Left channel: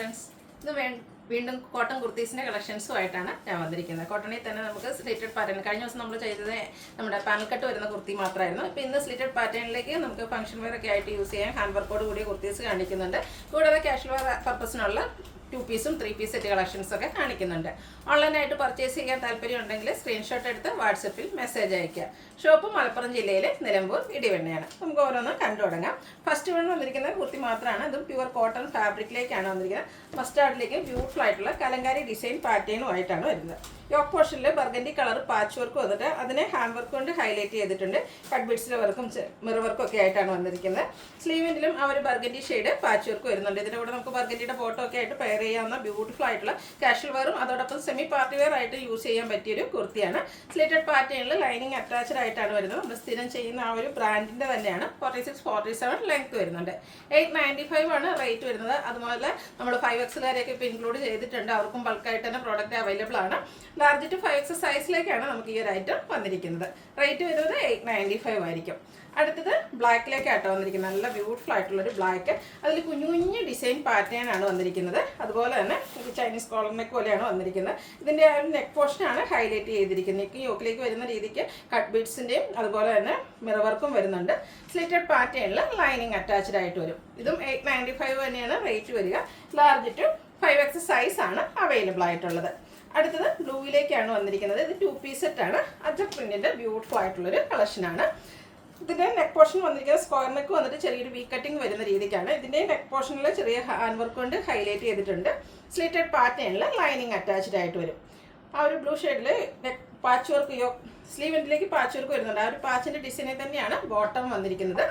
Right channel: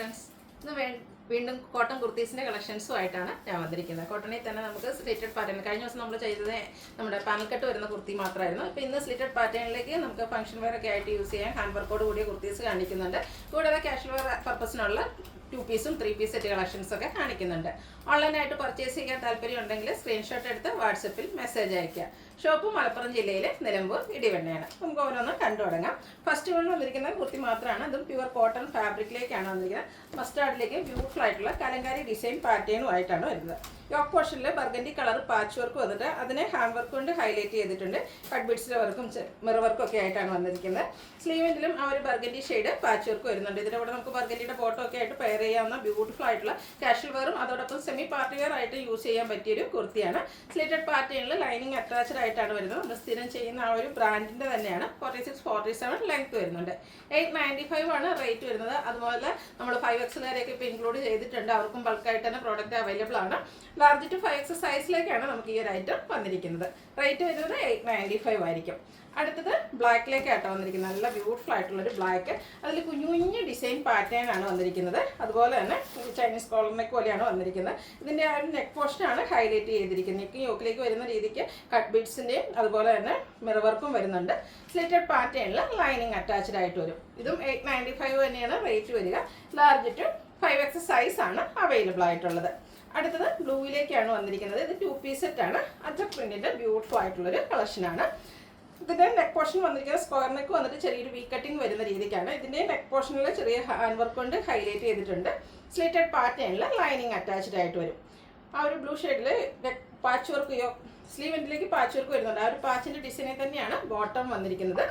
Friends ഇന്ന് വീണ്ടും cotton കുർത്തീസിൻ്റെ കളക്ഷൻസുമായിട്ടാണ് ഞാൻ വന്നിരിക്കുന്നത്. കോട്ടണിൽ തന്നെ നമുക്ക് സ്ലിറ്റഡ് പാറ്റേൺ, കഴിഞ്ഞ ദിവസം നമ്മൾ ചെയ്തത് നമ്മുടെ പാനൽ കട്ട് വരുന്ന കുർത്തി മാത്രമായിരുന്നു. ഇപ്പോൾ ഇന്ന് സ്ലിറ്റഡ് പാറ്റേണിലേക്ക് നമുക്ക് ഫംഗ്ഷൻ വെയർ ഒക്കെ ആയിട്ട് യൂസ് ചെയ്യാൻ ഹാൻഡ് വർക്കോട് കൂടിയ കുർത്തീസ് കാണിക്കുന്നുണ്ട്. കൂടാതെ കാഷ്വൽ വെയർ പർപ്പസിനുള്ള 2 പീസും 3 പീസ് സെറ്റ് കളക്ഷൻസ് ഒക്കെ കാണിക്കുന്നുണ്ട്. ഓൺലൈനായിട്ട് പർച്ചേസ് ചെയ്യാൻ താല്പര്യം ഉണ്ടെങ്കിൽ സ്ക്രീൻഷോട്ട് എടുത്ത് വാട്സപ്പിൽ മെസ്സേജ് അയയ്ക്കുക. ഷോപ്പ് മലപ്പുറം ജില്ലയിലെ നിലമ്പൂർ ഇടിവണ്ണയാണ്. നമുക്ക് ഓരോന്നും കണ്ടു തുടങ്ങാം. ഫസ്റ്റ് വൺ വന്നിരിക്കുന്ന കുർത്തി മാത്രമാണ്. അതും പ്യുവർ കോട്ടൺ ഫാബ്രിക്കിലേക്കാണ് വന്നിരിക്കുന്നത്. മസ്റ്റാർഡിലേക്ക് ബ്യൂട്ടിഫുൾ ആയിട്ടുള്ള കലങ്കാരി ഡിസൈൻ പാറ്റേണുമായിട്ടാണ് വരുന്നത്. യോക്ക് പോർഷനിൽ ബർഗൻഡി കളർ പാച്ച് വർക്ക് വന്നിട്ട് അതിനെ ഹാൻഡ് വർക്ക് കൊണ്ട് ഹൈലൈറ്റ് ചെയ്തിട്ടുണ്ട്. കട്ട് ബീഡ്സിലെ വർക്കും മിറർ വർക്കും ഒക്കെ ആയിട്ടാണ് വന്നിരിക്കുന്നത്. സ്ലീവിലും ആ ഒരു ബർഗൻഡി ഷെയ്ഡ് പാച്ച് വർക്ക് വരുന്നുണ്ട്. ഇതിൻ്റെ കൂടെ നമുക്ക് ബർഗൻഡിയുടെ ബോട്ടോ ഒക്കെ ആയിട്ട് പെയർ ചെയ്യാവുന്ന ബ്യൂട്ടിഫുൾ ആയിട്ടുള്ള കാഷ്വൽ വെയറും അതോടൊപ്പം സെമി പാർട്ടി വെയർ ആയിട്ട് യൂസ് ചെയ്യാൻ പറ്റിയൊരു കുർത്തിയാണ്. സ്ലിറ്റഡ് പാറ്റേണിൽ ലൈനിങ് അറ്റാച്ച്ഡ് ആയിട്ടാണ് വരുന്നത്. നമ്മൾ സ്ഥിരം ചെയ്യുന്ന ആ ഒരു ബ്രാൻഡിൻ്റെ തന്നെയാണ്. 46-47 ലെങ്ത് വരുന്നുണ്ട്. 895 ആണ് റേറ്റ് വരുന്നത്. അതുപോലെ നമ്മൾ 5Xകാരെയൊക്കെ ഇപ്പോൾ ഇൻക്ലൂഡ് ചെയ്തിട്ടുണ്ട്. അവർക്കും ബൾക്കായിട്ട് തന്നെ പ്രോഡക്റ്റ് അവൈലബിൾ ആണ്. ലാർജ് ടു 5X സൈസിലേക്കാണ് നമുക്ക് ഈ ഒരു ഐറ്റം വന്നിരിക്കുന്നത്. റേറ്റ് വരുന്നത് 895 ആയിരിക്കും. അടുത്തത് ബ്ലാക്കിലേക്കാട്ടോ വന്നിരിക്കുന്നത്. നല്ല ബ്യൂട്ടിഫുൾ ആയിട്ടുള്ളൊരു ബ്ലാക്ക്, അതിൽ കുഞ്ഞു കുഞ്ഞു ഡിസൈൻ പാറ്റേൺ ആണ് വന്നിരിക്കുന്നത്. അതുപോലെ തന്നെ ചൈനീസ് കോളർ നെക്ക് പോലെയാണ് വന്നിരിക്കുന്നത്. ഇതിൻ്റെ ആ ഒരു നെക്ക് പോർഷനാണ് ഹൈലൈറ്റ് ചെയ്തിരിക്കുന്നത്. നെക്ക് യോക്കിലേക്ക് വരുന്ന രീതിക്ക് കട്ട് ബീഡ്സിൻ്റെയും അതുപോലെ തന്നെ മിറർ വർക്കും വരുന്നുണ്ട്. സ്ലിറ്റഡ് പാറ്റേണിൽ ലൈനിങ് അറ്റാച്ച്ഡ് ആയിട്ട് വരും. ഇതും 895 തന്നെയാണ് റേറ്റ് വരിക. ലാർജ് ടു 5X സൈസാണ് അവൈലബിൾ ആയിട്ടുള്ളത്. അടുത്തത് ബ്ലൂവിലേക്കാണ് വന്നിരിക്കുന്നത്. ഇത് 2 പീസ് സെറ്റാണ്. അജക് പ്രിന്റിൻ്റെ ബ്യൂട്ടിഫുൾ ആയിട്ടുള്ളൊരു കളക്ഷനാണ്. ഇതിൻ്റെ നെക്ക് പോർഷൻ വന്നിരിക്കുന്നത് സ്ക്വയർ നെക്ക് വന്നിട്ട് ചെറിയൊരു വി കട്ടിങ് വരുന്ന രീതിക്കാണ്. ഇതിൻ്റെ നെക്ക് പോർഷനിൽ ചെറിയ ഹാൻഡ് വർക്ക് കൊണ്ട് ഹൈലൈറ്റ് ചെയ്തിട്ടുണ്ട്. സ്ലിറ്റഡ് പാറ്റേണിൽ ലൈനിങ് അറ്റാച്ച്ഡ് ആയിട്ട് വരും. ആ ഒരു ബ്ലൂ ഷെയ്ഡിൽ നെക്ക് പാച്ച് വർക്ക് സ്ലീവ് എൻഡിലേക്ക് പാച്ച് വർക്ക് വരുന്നുണ്ട്. ആ ഒരു പാച്ചിൻ്റെ ഡിസൈനിൽ തന്നെയാണ് ബോട്ടം വന്നിരിക്കുന്നത്.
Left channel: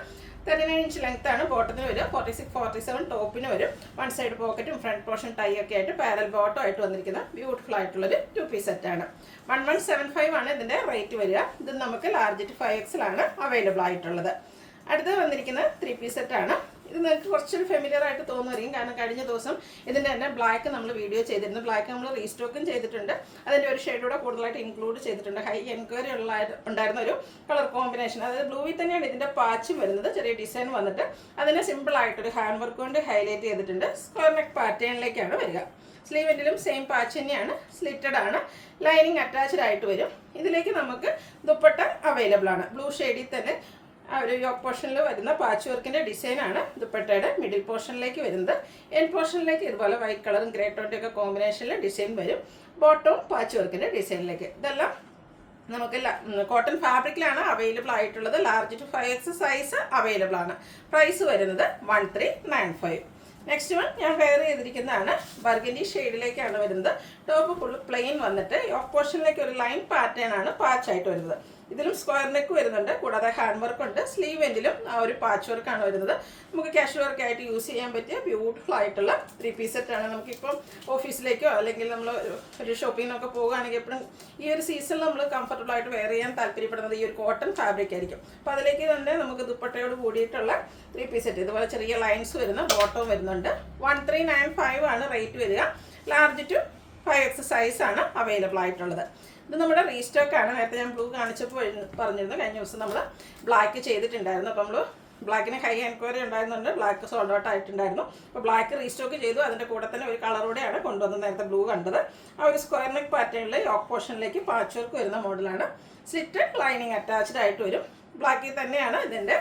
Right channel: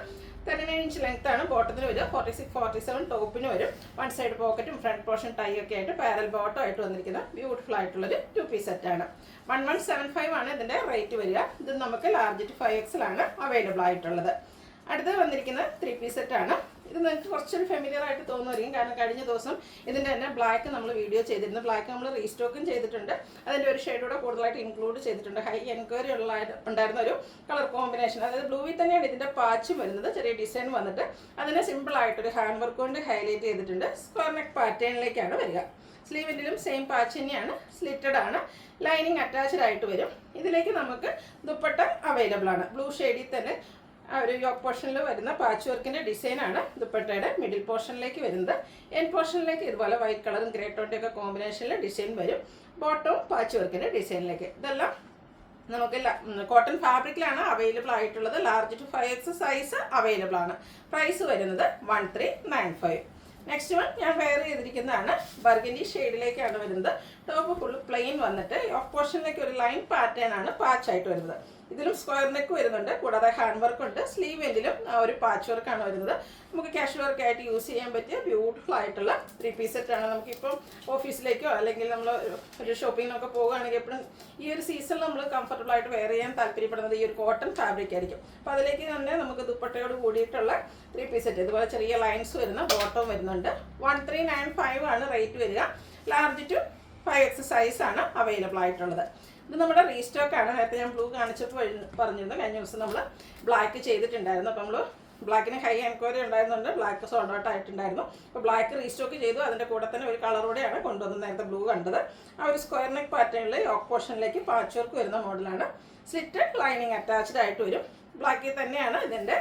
39 ഇഞ്ച് ലെങ്ത് ആണ് ബോട്ടത്തിന് വരിക. 46-47 ടോപ്പിന് വരും. വൺ സൈഡ് പോക്കറ്റും ഫ്രണ്ട് പോർഷൻ ടൈ ഒക്കെ ആയിട്ട് പാരൽ ബോട്ടം ആയിട്ട് വന്നിരിക്കുന്ന ബ്യൂട്ടിഫുൾ ആയിട്ടുള്ളൊരു 2 പീസ് സെറ്റാണ്. 1175 ആണ് ഇതിൻ്റെ റേറ്റ് വരിക. ഇത് നമുക്ക് ലാർജ് ടു 5Xലാണ് അവൈലബിൾ ആയിട്ടുള്ളത്. അടുത്തത് വന്നിരിക്കുന്നത് 3 പീസ് സെറ്റാണ്. ഇത് നിങ്ങൾക്ക് കുറച്ചൊരു ഫെമിലിയർ ആയിട്ട് തോന്നുമായിരിക്കും. കാരണം കഴിഞ്ഞ ദിവസം ഇതിൻ്റെ തന്നെ ബ്ലാക്ക് നമ്മൾ വീഡിയോ ചെയ്തിരുന്നു. ബ്ലാക്ക് നമ്മൾ റീസ്റ്റോക്കും ചെയ്തിട്ടുണ്ട്. അതിൻ്റെ ഒരു ഷെയ്ഡൂടെ കൂടുതലായിട്ട് ഇൻക്ലൂഡ് ചെയ്തിട്ടുണ്ട്. ഹൈ എൻക്വയറി ഉണ്ടായിരുന്ന ഒരു കളർ കോമ്പിനേഷൻ. അതായത് ബ്ലൂവിൽ തന്നെയാണ് ഇതിൻ്റെ പാച്ചും വരുന്നത്. ചെറിയ ഡിസൈൻ വന്നിട്ട് അതിനെ സിമ്പിളായിട്ടൊരു ഹാൻഡ് വർക്ക് കൊണ്ട് ഹൈലൈറ്റ് ചെയ്തിട്ടുണ്ട്. സ്ക്വയർ നെക്ക് പാറ്റേണിലേക്കാണ് വരിക. സ്ലീവിലും സെയിം പാച്ച് തന്നെയാണ്. സ്ലിറ്റഡ് ആണ്. ലൈനിങ് അറ്റാച്ച്ഡ് ആയിട്ട് വരും. ഇതിലേക്ക് നമുക്ക് ദുപ്പട്ട അവൈലബിൾ ആണ്. ബ്ലൂ ഷെയ്ഡിൽ തന്നെ ആ ഒരു യോക്ക് പോർഷനിൽ വരുന്ന പാച്ച് വർക്കിൻ്റെ ഡിസൈനാണ് ദുപ്പട്ടയുടെ മിഡിൽ പോർഷനിലേക്ക് വരുന്നത്. എൻ പോർഷനിലേക്ക് ഇതുപോലെ വൈറ്റ് കളറും ഗ്രേ ടോട്ടൊക്കെ കോമ്പിനേഷനിൽ ഡിസൈൻ വരും. ബോട്ടവും പാച്ച് വർക്കിൻ്റെ ഡിസൈനിലേക്ക്. ഇതെല്ലാം നമുക്ക് കോട്ടൺ ഫാബ്രിക്കിലാണ് അവൈലബിൾ ആയിട്ടുള്ളത്. Large to 5X size available ആണ്. പ്രൈസ് വരുന്നത് 1395. നെക്സ്റ്റ് വൺ ഞാൻ വെയർ ചെയ്തിരിക്കുന്നതാണ്. ബർഗൻഡി ഷെയ്ഡിലേക്കാണ് വരുന്നത്. ടോപ്പ് ഫുൾ പ്ലെയിൻ വന്നിട്ട് യോക്ക് പോർഷനിലേക്ക് ഒരു ലൈൻ പാറ്റേൺ ആണ് പാച്ചായിട്ട് വരുന്നത്. ഇതിലും സ്ക്വയർ നെക്ക് വരുന്നുണ്ട്. കൂടാതെ ഹാൻഡ് വർക്ക് ഉണ്ട്. സ്ലീവ് എൻഡിലും ആ ഒരു പാച്ച് വർക്കാണ് വരുന്നത്. നമുക്ക് കാഷ്വൽ വർക്ക് ആയിട്ട് യൂസ് ചെയ്യാൻ പറ്റിയ ബ്യൂട്ടിഫുൾ ആയിട്ടുള്ള 3 പീസ് സെറ്റാണ്. നമുക്കിപ്പം ഓഫീസിലേക്കോ അല്ലെങ്കിൽ നമ്മൾ ഒരു ഷോപ്പിങ്ങിനൊക്കെ പോകുകയാണെങ്കിൽ എപ്പോഴും ഈ ഒരു സീസണിൽ നമ്മൾ കംഫർട്ടബിൾ ആയിട്ട് വെയർ ചെയ്യാൻ താല്പര്യപ്പെടുന്നത് ഈ ഒരു കോട്ടൺ ഫാബ്രിക് ആയിരിക്കും. അപ്പോൾ അതിലേക്ക് തന്നെ നമുക്ക് ദുപ്പട്ടയോട് കൂടിയിട്ടുള്ള 3 പീസ് സെറ്റ്. ഇതുപോലെ ചെറിയ ലൈൻസ് വരുന്ന ബോട്ടം വരുന്നുണ്ട്. 1395 ആണ് റേറ്റ് വരിക. ലാർജ് ടു 5X സൈസാണ് അവൈലബിൾ ആയിട്ടുള്ളത്. ഇത് നമ്മുടെ റീസ്റ്റോക്കാണ്. നേരത്തെ ഞാൻ ബ്ലൂ കാണിച്ചപ്പോൾ പറഞ്ഞിരുന്നു. കഴിഞ്ഞ ദിവസം നമ്മൾ ബ്ലാക്ക് ചെയ്തിട്ടുണ്ടായിരുന്നു. അപ്പോൾ നമ്മൾ ബ്ലാക്കിന് ഹൈ എൻക്വയറി ഉണ്ടായിരുന്നുണ്ട്. ബ്ലാക്ക് സോൾഡ് ഔട്ട് ആയിട്ടുണ്ടായിരുന്നു. അപ്പോൾ ബ്ലാക്ക് റീസ്റ്റോക്ക് ചെയ്തു. അതിൻ്റെ കൂടെ തന്നെ ഒരു കളറോടെയാണ് കൊണ്ടുവന്നത്. നേരത്തെ ബ്ലൂ കണ്ടത്. ആ ഒരു സ്ക്വയർ നെക്ക് പാറ്റേണിൽ യോക്ക് പോർഷനിലേക്ക് പാച്ച് വർക്ക് വരുന്ന മോഡലാണ്. സ്ലിറ്റഡ് ലൈനിങ് അറ്റാച്ച്ഡ് ആയിട്ട് വരും. ബ്ലാക്കിൽ തന്നെയാണ് ഇതിൻ്റെ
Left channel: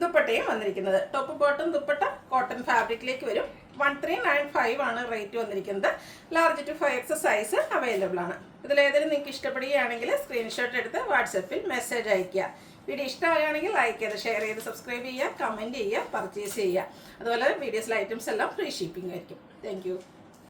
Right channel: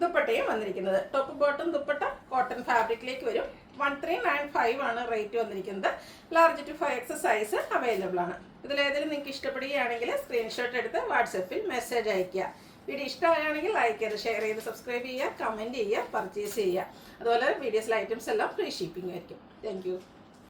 ദുപ്പട്ടയും വന്നിരിക്കുന്നത്. ടോപ്പ് ബോട്ടം ദുപ്പട്ട കോട്ടൺ ഫാബ്രിക്കിലേക്ക് വരും. 1395 ആണ് റേറ്റ് വന്നിരിക്കുന്നത്. Large to 5X size available ആണ്. ഇതിലേതെങ്കിലും നിങ്ങൾക്ക് ഇഷ്ടപ്പെടുകയാണെങ്കിൽ സ്ക്രീൻഷോട്ട് എടുത്ത് വാട്സപ്പിൽ മെസ്സേജ് അയയ്ക്കുക. വീഡിയോ ഇഷ്ടമാണെങ്കിൽ ലൈക്ക് ചെയ്ത് ഷെയർ ചെയ്ത് സബ്സ്ക്രൈബ് ചെയ്യുക, കമൻറ്റ് ചെയ്യുക, പർച്ചേസ് ചെയ്യുക. അതുപോലെ വീഡിയോസിലെ ഐറ്റംസ് എല്ലാം ഫ്രീ ഷിപ്പിംഗ് ആയിരിക്കും. താങ്ക്